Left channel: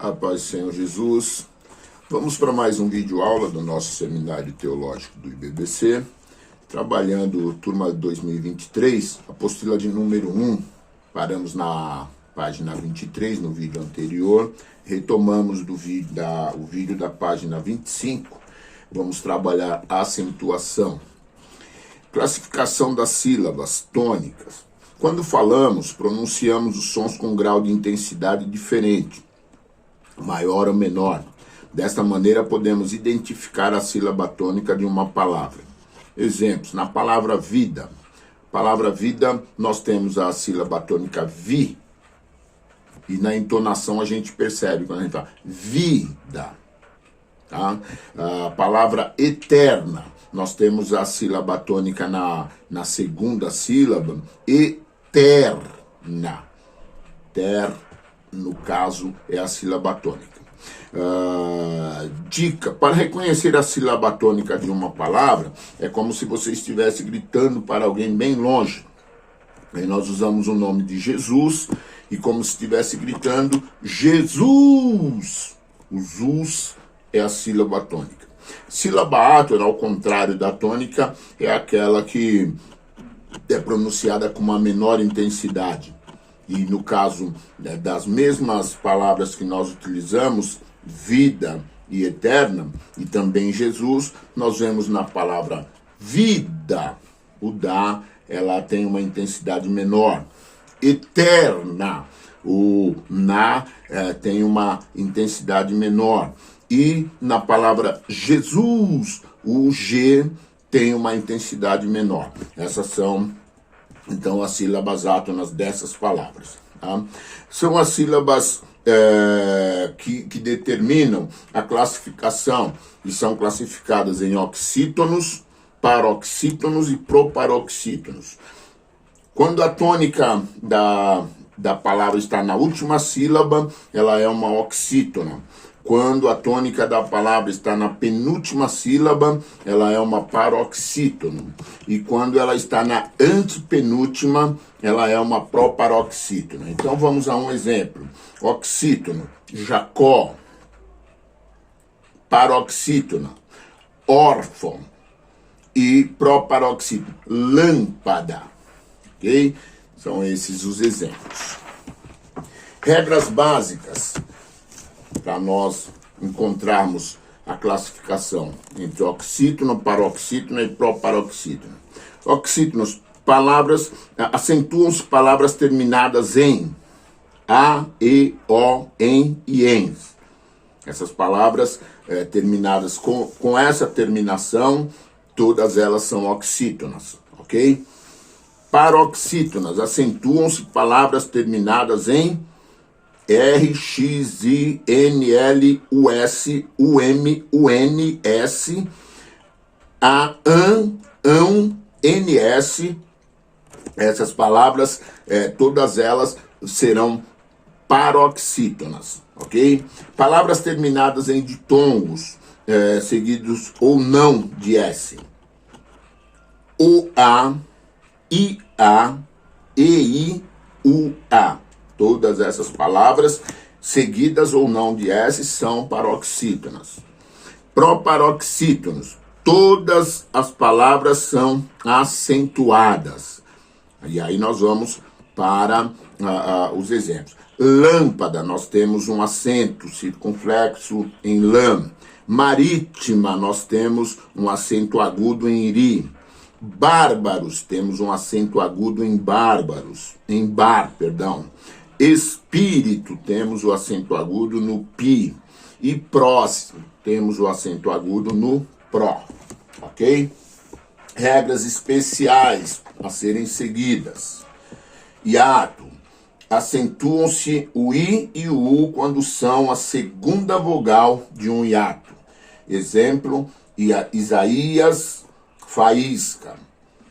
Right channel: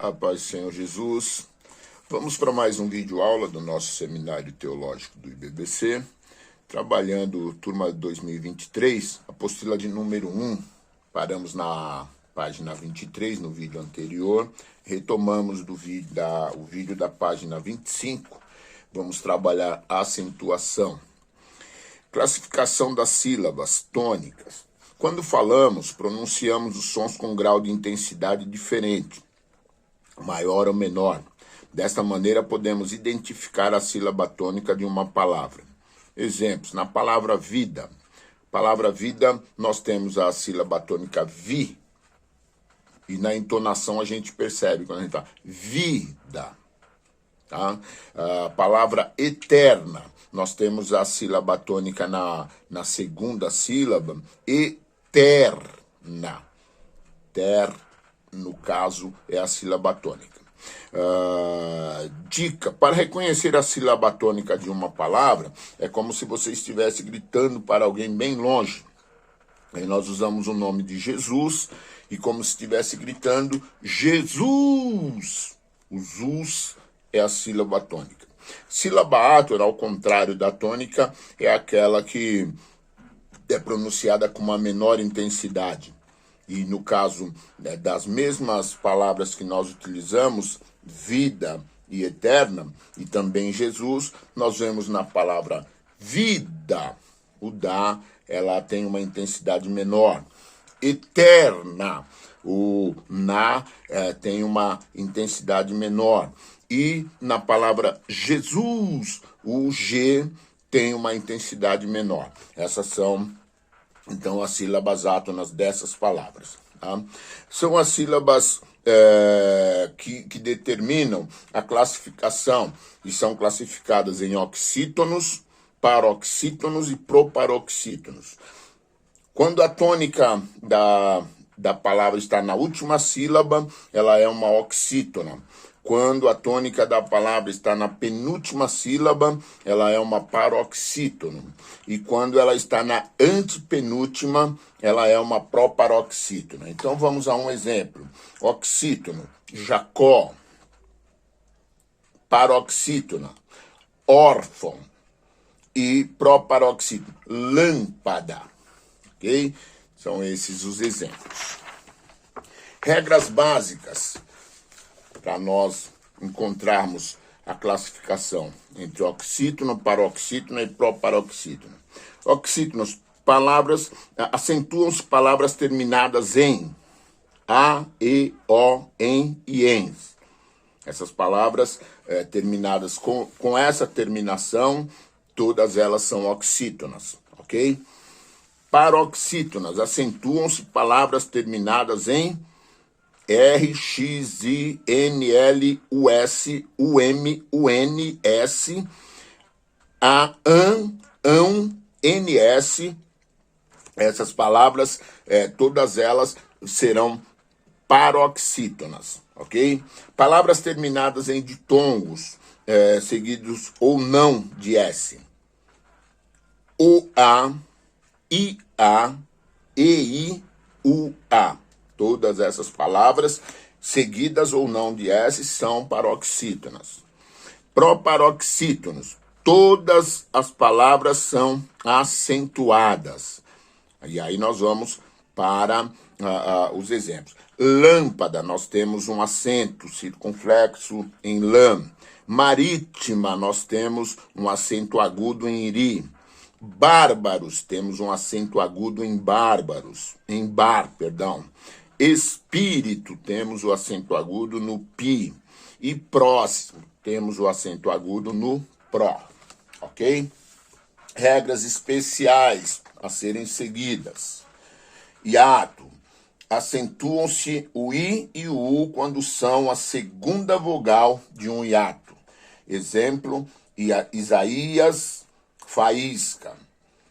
A paz do Senhor Jesus. Vamos para mais um vídeo aula do nosso Seminário Teológico do IBBC, trabalhando turma 2023, apostila de número 1. Paramos na página 23 no vídeo anterior, retomamos o vídeo da página 25. Vamos trabalhar a acentuação. Classificação das sílabas tônicas. Quando falamos, pronunciamos os sons com grau de intensidade diferente, maior ou menor. Desta maneira, podemos identificar a sílaba tônica de uma palavra. Exemplos, na palavra vida. Palavra vida, nós temos a sílaba tônica vi. E na entonação a gente percebe quando a gente fala vida. Tá? A palavra eterna, nós temos a sílaba tônica na segunda sílaba, eterna. Ter, no caso, é a sílaba tônica. Dica, para reconhecer a sílaba tônica de uma palavra, é como se você estivesse gritando para alguém bem longe. Aí nós usamos o nome de Jesus e como se estivesse gritando Jesus. O zus é a sílaba tônica. Sílaba átona, ao contrário da tônica, é aquela que é pronunciada com uma menor intensidade. E no caso das mesmas palavras que nós utilizamos, vida e eterna, e também Jesus, nós vemos na palavra vida, o da, ela tem uma intensidade menor. Eterna, o na tem uma intensidade menor. E na palavra Jesus, o G tem uma intensidade menor. Essas são, então, as sílabas átonas dessas palavras. Tá? São as sílabas que determinam a classificação e são classificadas em oxítonos, paroxítonos e proparoxítonos. Quando a tônica da palavra está na última sílaba, ela é uma oxítona. Quando a tônica da palavra está na penúltima sílaba, ela é uma paroxítono. E quando ela está na antepenúltima, ela é uma proparoxítona. Então vamos a um exemplo. Oxítono, Jacó. Paroxítona, órfão. E proparoxítono, lâmpada. Ok? São esses os exemplos. Regras básicas para nós encontrarmos a classificação entre oxítono, paroxítono e proparoxítono. Oxítonos, palavras, acentuam-se palavras terminadas em a, e, o, em e ens. Essas palavras terminadas com essa terminação, todas elas são oxítonas, ok? Paroxítonas, acentuam-se palavras terminadas em R, X, I, N, L, U, S, U, M, U, N, S, A, ão, N, S. Essas palavras, todas elas serão paroxítonas, ok? Palavras terminadas em ditongos, seguidos ou não de S. O, A, I, A, E, I, U, A. Todas essas palavras, seguidas ou não de S, são paroxítonas. Proparoxítonos. Todas as palavras são acentuadas. E aí nós vamos para os exemplos. Lâmpada, nós temos um acento circunflexo em lã. Marítima, nós temos um acento agudo em ri. Bárbaros, temos um acento agudo em bárbaros, em bar, perdão. Espírito, temos o acento agudo no pi. E próximo, temos o acento agudo no pró. Ok? Regras especiais a serem seguidas. Hiato. Acentuam-se o i e o u quando são a segunda vogal de um hiato. Exemplo, Isaías, faísca.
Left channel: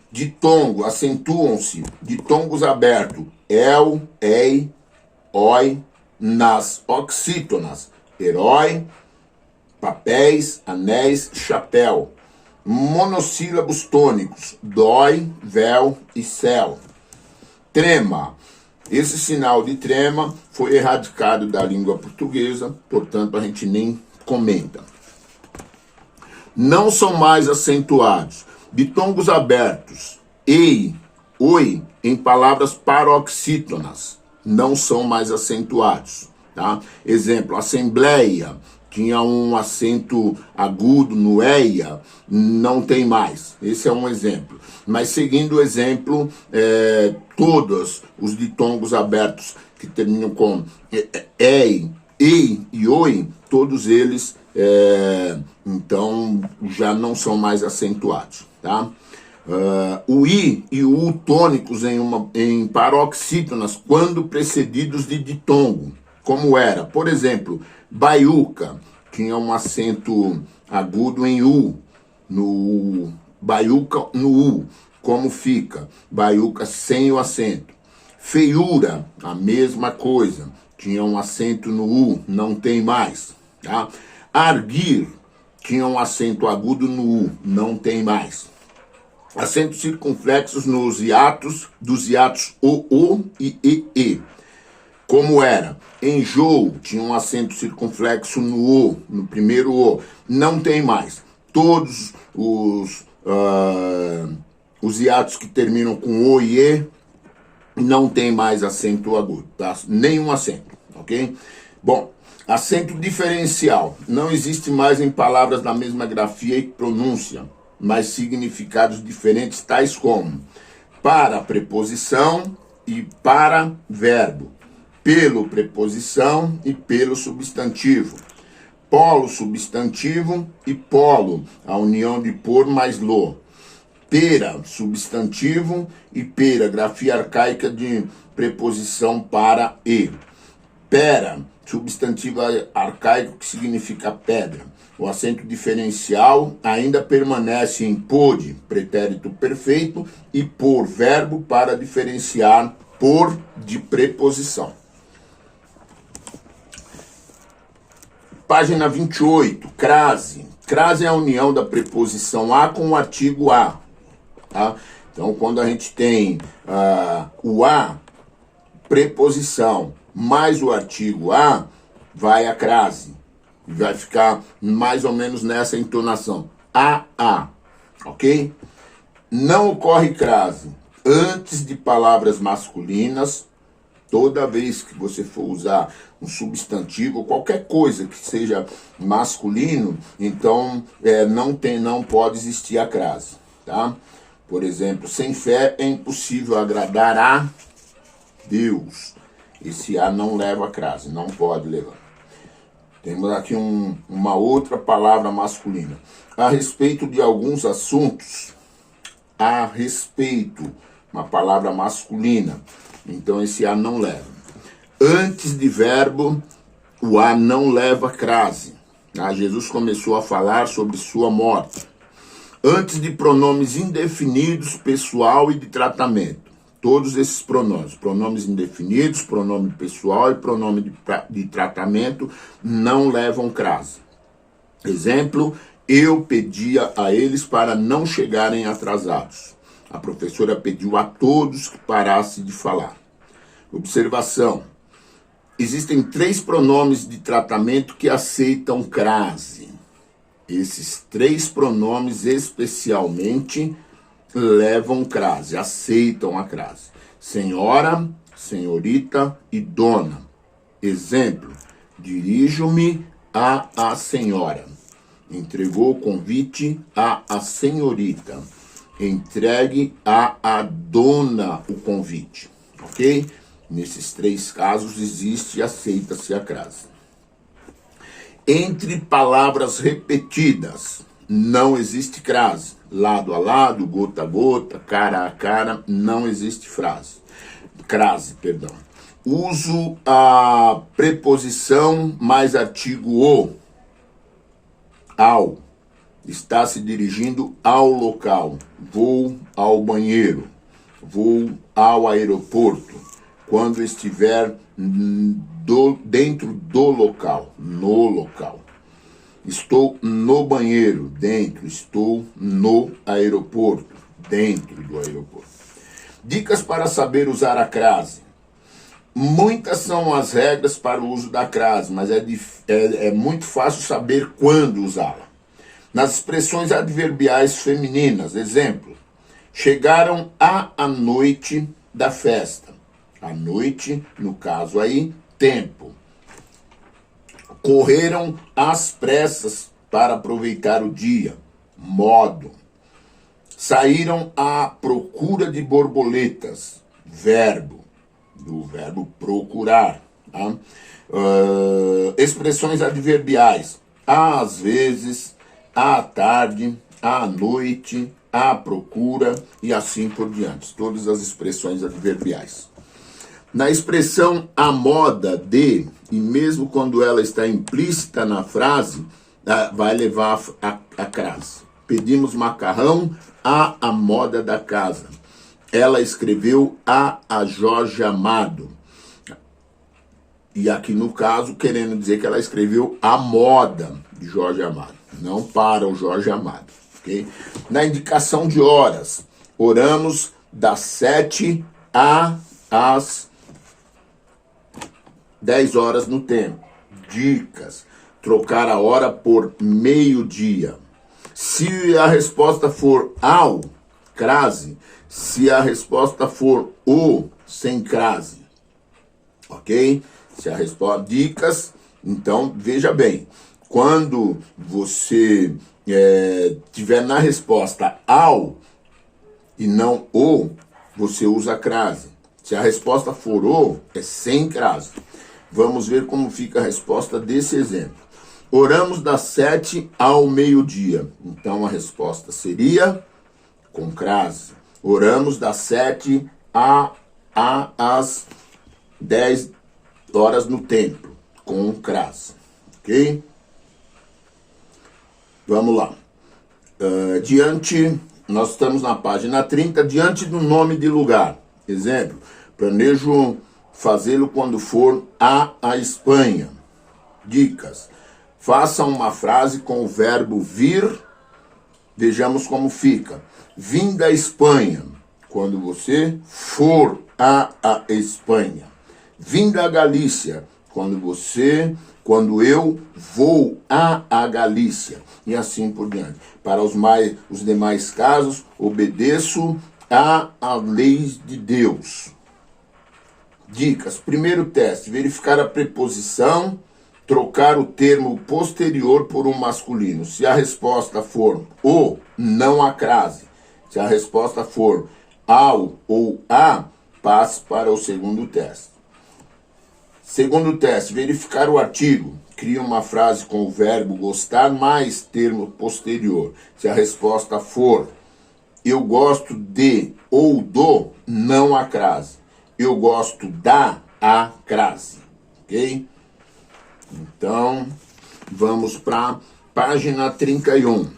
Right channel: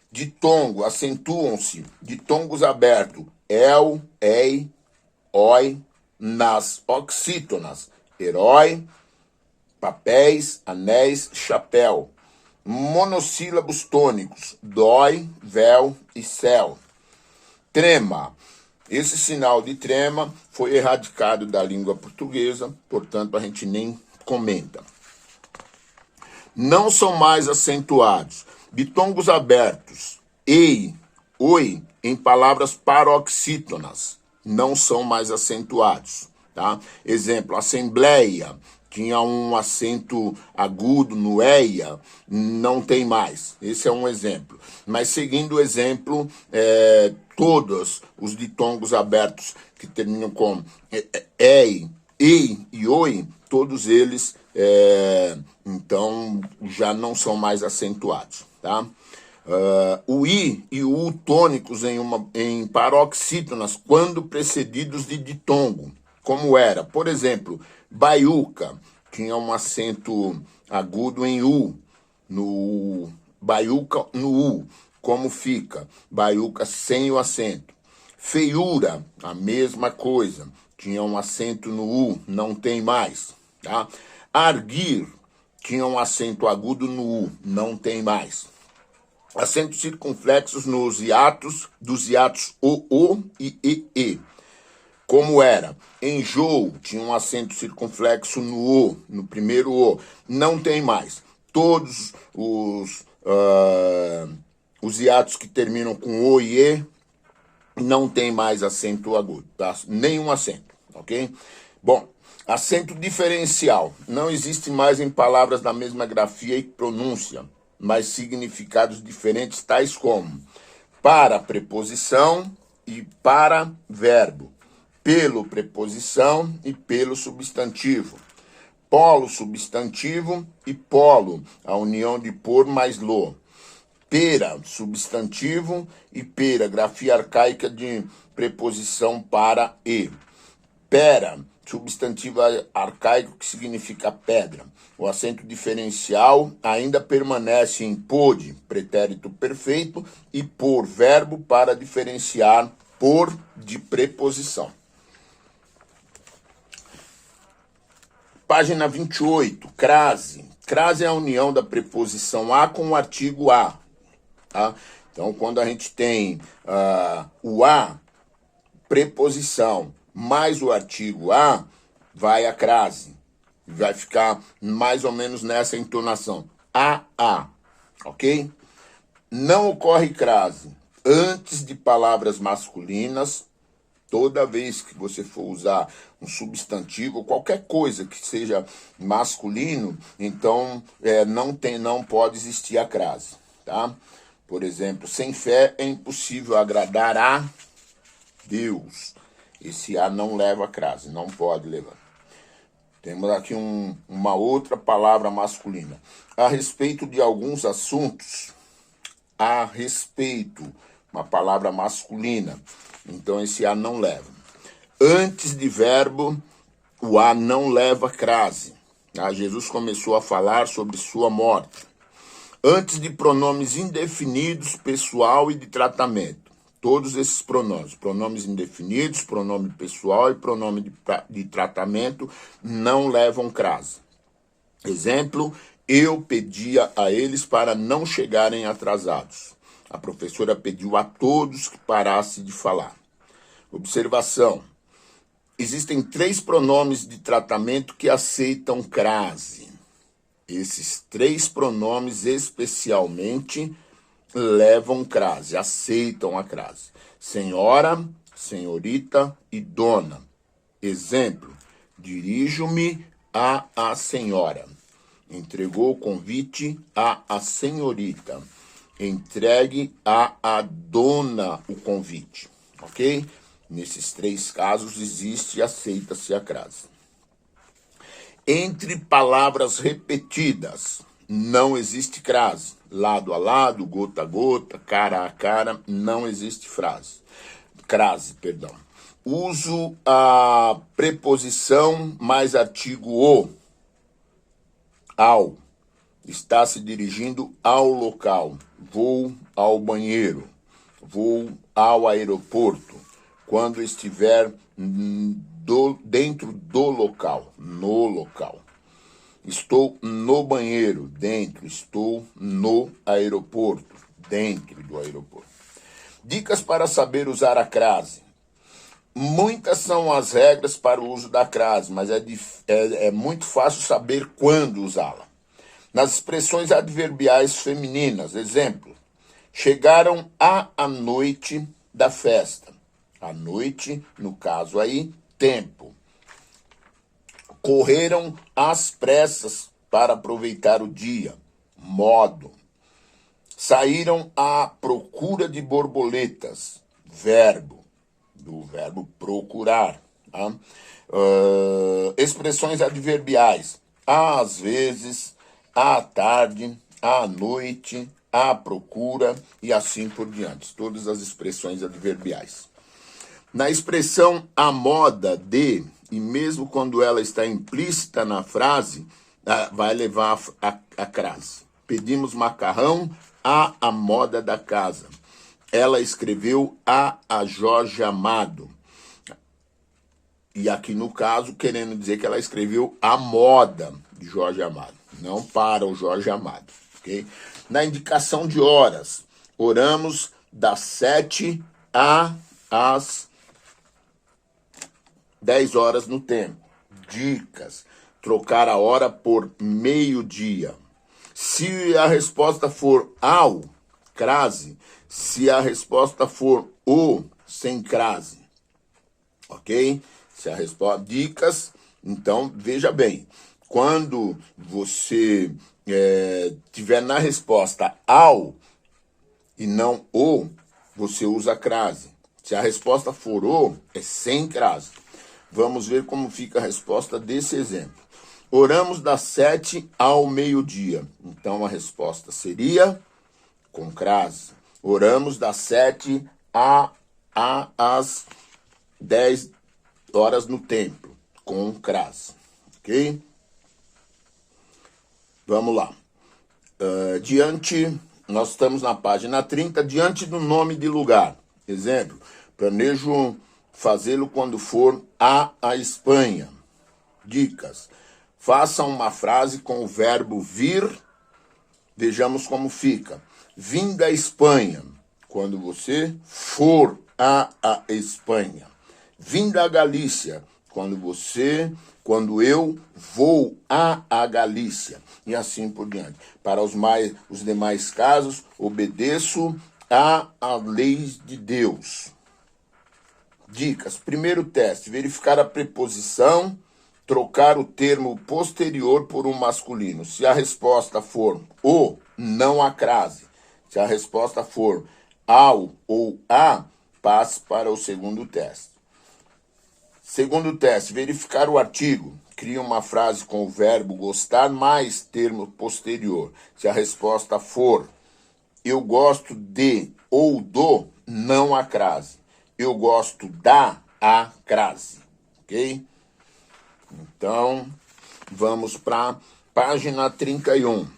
Ditongo, acentuam-se, ditongos abertos, el, ei, oi, nas oxítonas, herói, papéis, anéis, chapéu. Monossílabos tônicos, dói, véu e céu. Trema, Esse sinal de trema foi erradicado da língua portuguesa, portanto a gente nem comenta. Não são mais acentuados. Ditongos abertos, ei, oi, em palavras paroxítonas, não são mais acentuados. Tá? Exemplo, assembleia, tinha um acento agudo no eia, não tem mais. Esse é um exemplo. Mas seguindo o exemplo, todos os ditongos abertos que terminam com ei, e oi, todos eles, então, já não são mais acentuados. Tá? O i e o u tônicos em paroxítonas, quando precedidos de ditongo, como era, por exemplo, baiuca, tinha um acento agudo em u, no baiuca no u, como fica? Baiuca sem o acento. Feiura, a mesma coisa, tinha um acento no u, não tem mais. Tá? Arguir, tinha um acento agudo no u, não tem mais. Acentos circunflexos nos hiatos, dos hiatos o e e. Como era? Enjoo, tinha um acento circunflexo no o, no primeiro o, não tem mais. Todos os hiatos que terminam com o e e, não tem mais acento agudo, tá? Nenhum acento, ok? Bom, acento diferencial. Não existe mais em palavras da mesma grafia e pronúncia, mas significados diferentes, tais como para preposição e para verbo, pelo preposição e pelo substantivo, polo substantivo e polo, a união de por mais lo, pera substantivo e pera, grafia arcaica de preposição para e, pera substantivo arcaico que significa pedra. O acento diferencial ainda permanece em pode, pretérito perfeito, e por, verbo, para diferenciar por de preposição. Página 28, crase. Crase é a união da preposição a com o artigo a. Tá? Então, quando a gente tem o a, preposição, mais o artigo a, vai a crase. Vai ficar mais ou menos nessa entonação. A, ok? Não ocorre crase antes de palavras masculinas. Toda vez que você for usar um substantivo, qualquer coisa que seja masculino, então não pode existir a crase, tá? Por exemplo, sem fé é impossível agradar a Deus. Esse a não leva a crase, não pode levar. Temos aqui uma outra palavra masculina. A respeito de alguns assuntos, a respeito, uma palavra masculina. Então esse a não leva. Antes de verbo, o a não leva crase. Tá? Jesus começou a falar sobre sua morte. Antes de pronomes indefinidos, pessoal e de tratamento. Todos esses pronomes indefinidos, pronome pessoal e pronome de tratamento, não levam crase. Exemplo, eu pedia a eles para não chegarem atrasados. A professora pediu a todos que parassem de falar. Observação. Existem 3 pronomes de tratamento que aceitam crase. Esses 3 pronomes especialmente levam crase, aceitam a crase. Senhora, senhorita e dona. Exemplo, dirijo-me a senhora. Entregou o convite a senhorita. Entregue a dona o convite, ok? Nesses 3 casos existe e aceita-se a crase. Entre palavras repetidas, não existe crase. Lado a lado, gota a gota, cara a cara, não existe crase. Uso a preposição mais artigo o, ao. Está se dirigindo ao local. Vou ao banheiro. Vou ao aeroporto. Quando estiver dentro do local, no local. Estou no banheiro, dentro. Estou no aeroporto, dentro do aeroporto. Dicas para saber usar a crase. Muitas são as regras para o uso da crase, mas é muito fácil saber quando usá-la. Nas expressões adverbiais femininas, exemplo, chegaram à noite da festa. A noite, no caso aí, tempo. Correram às pressas para aproveitar o dia, modo. Saíram à procura de borboletas, verbo, do verbo procurar. Tá? Expressões adverbiais, às vezes, à tarde, à noite, à procura e assim por diante. Todas as expressões adverbiais. Na expressão à moda de, e mesmo quando ela está implícita na frase, vai levar a crase. Pedimos macarrão à moda da casa. Ela escreveu a Jorge Amado. E aqui no caso, querendo dizer que ela escreveu a moda de Jorge Amado, não para o Jorge Amado. Okay? Na indicação de horas, oramos das 7 às 10 horas no tempo. Dicas: trocar a hora por meio-dia. Se a resposta for ao, crase. Se a resposta for o, sem crase. Ok? Se a resposta... Dicas, então, veja bem. Quando você tiver na resposta ao e não o, você usa crase. Se a resposta for o, é sem crase. Vamos ver como fica a resposta desse exemplo. Oramos das 7 ao meio-dia. Então, a resposta seria com crase. Oramos das 7 às 10 horas no templo, com crase. Ok? Vamos lá. Nós estamos na página 30, diante do nome de lugar. Exemplo, planejo fazê-lo quando for à Espanha. Dicas. Faça uma frase com o verbo vir. Vejamos como fica. Vim da Espanha, quando você for à Espanha. Vim da Galícia, quando eu vou à Galícia. E assim por diante. Para os demais casos, obedeço às leis de Deus. Dicas. Primeiro teste, verificar a preposição, trocar o termo posterior por um masculino. Se a resposta for o, não há crase. Se a resposta for ao ou a, passe para o segundo teste. Segundo teste, verificar o artigo. Cria uma frase com o verbo gostar mais termo posterior. Se a resposta for eu gosto de ou do, não há crase. Eu gosto da, há crase. Ok? Então, vamos para página 31.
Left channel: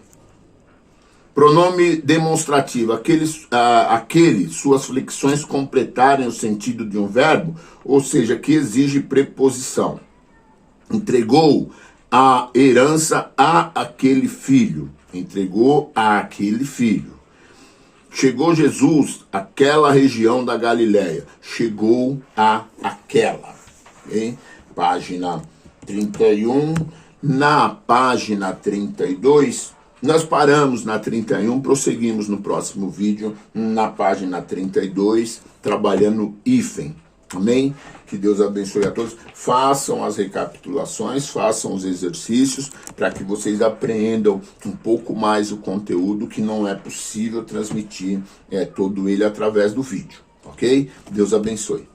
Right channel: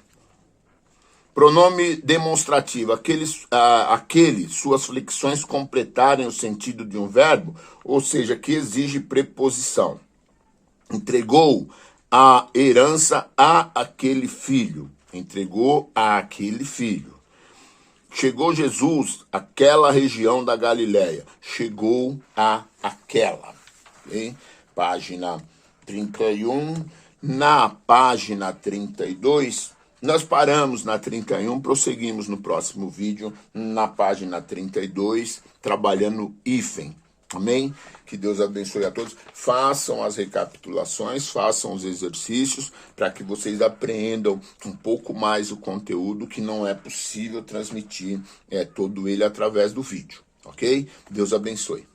Pronome demonstrativo, aquele suas flexões completarem o sentido de um verbo, ou seja, que exige preposição. Entregou a herança a aquele filho. Entregou a aquele filho. Chegou Jesus àquela região da Galileia. Chegou a aquela. Okay? Página 31. Na página 32, nós paramos na 31, prosseguimos no próximo vídeo, na página 32, trabalhando hífen. Amém? Que Deus abençoe a todos. Façam as recapitulações, façam os exercícios, para que vocês apreendam um pouco mais o conteúdo, que não é possível transmitir todo ele através do vídeo. Ok? Deus abençoe.